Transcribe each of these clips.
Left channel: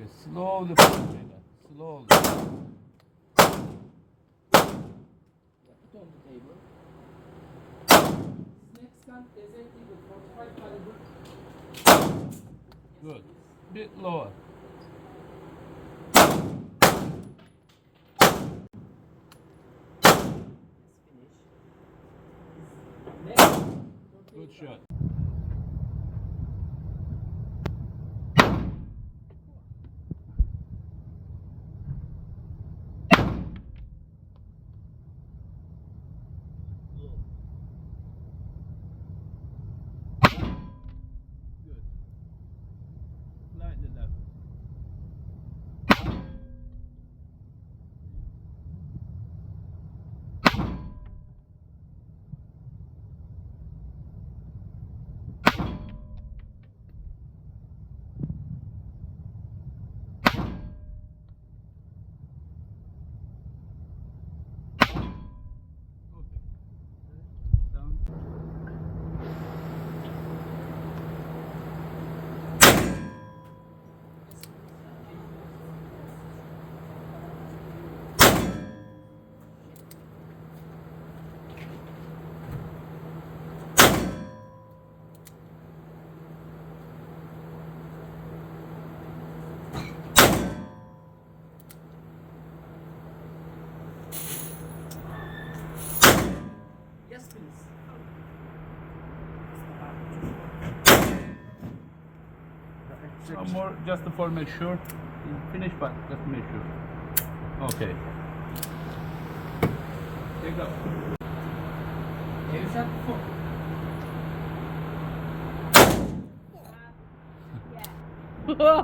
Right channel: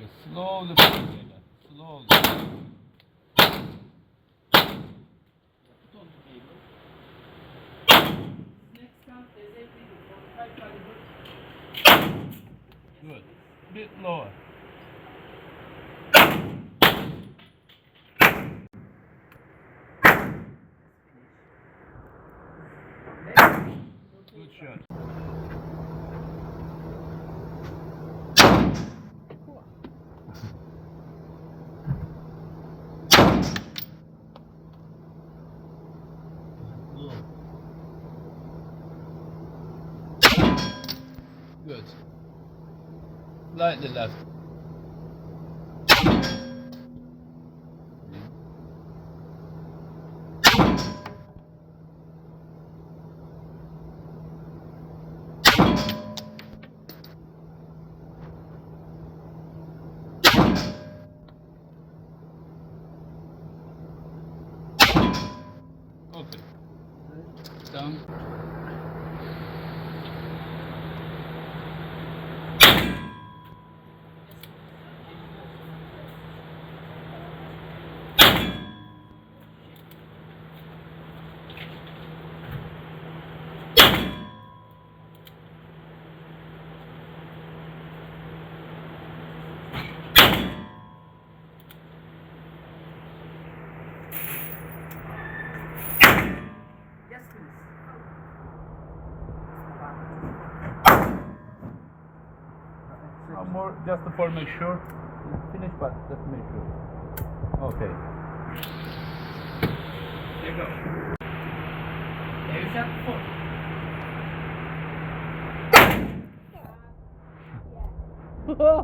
Okay, slowly pull it. Slowly. Put on the table. Next gun designated 45 caliber. Good. Bit lower. Next. Good shot. Good. Slightly left. Okay. Down. Yes, please. One more, just for make sure. Finish, but just to make sure. Okay. Here you go. There's that before.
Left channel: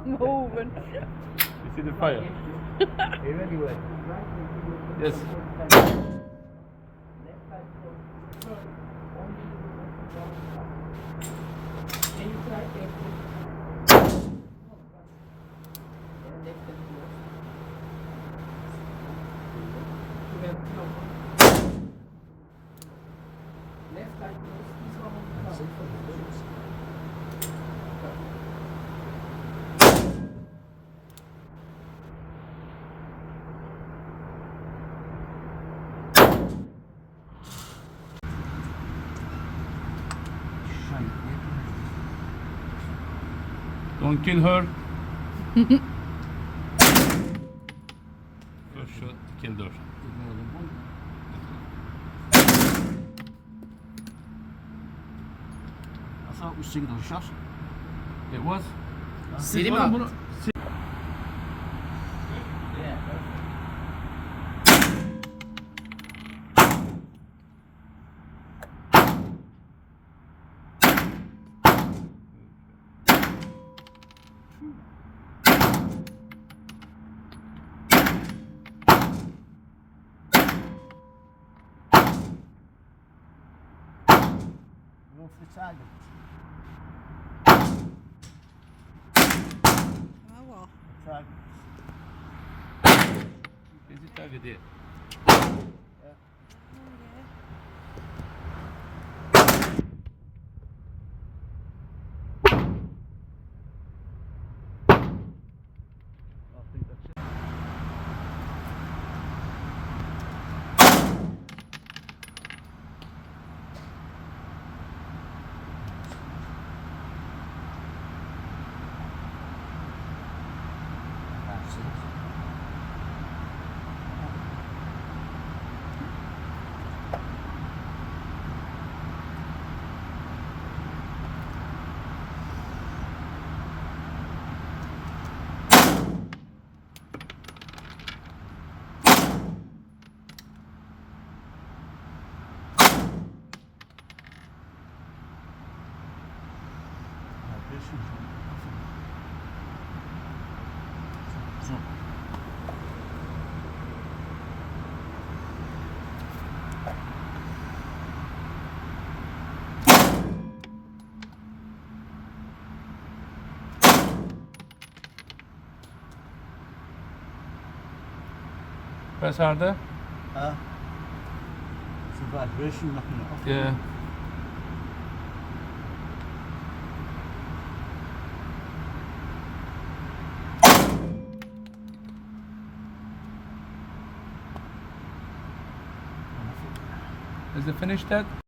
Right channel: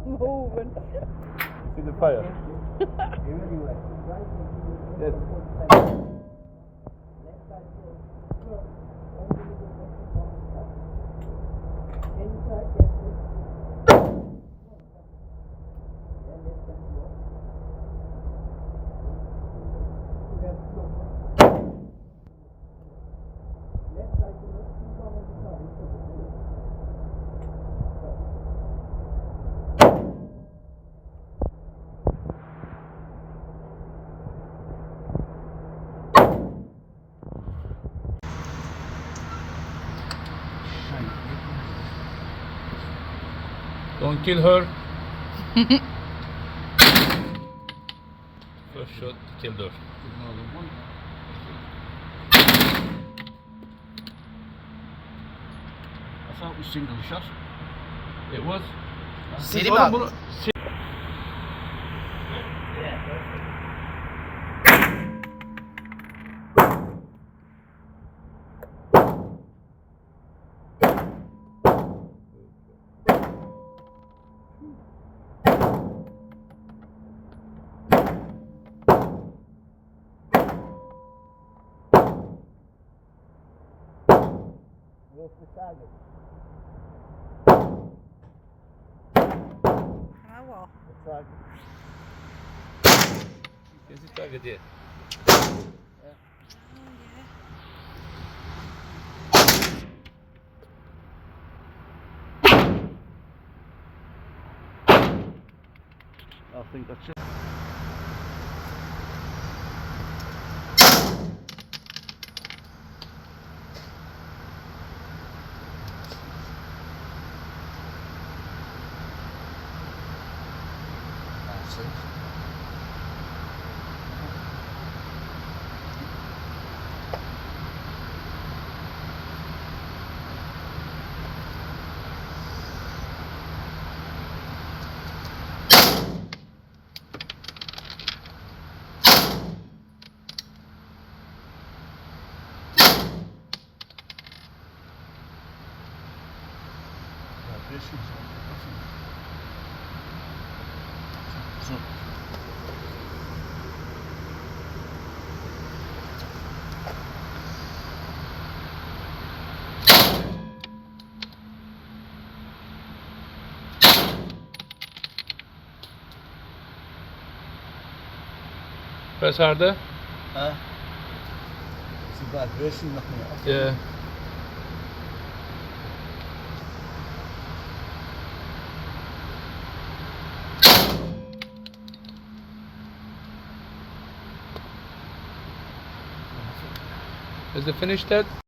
Moving. You see the fire? Yes. Can you try left and left and close? Left close. Left side close. This one on the top. Don't kill her. First shot killed her. I thought it was single shot. It was. City Oğlum man. bunu- Off the target. Bravo. The target. Is it target yet? Oh, yeah. I think that's it. That's it. Press harder. Huh? It's a vibration knocking it off. Yeah. Is it finished, Ted?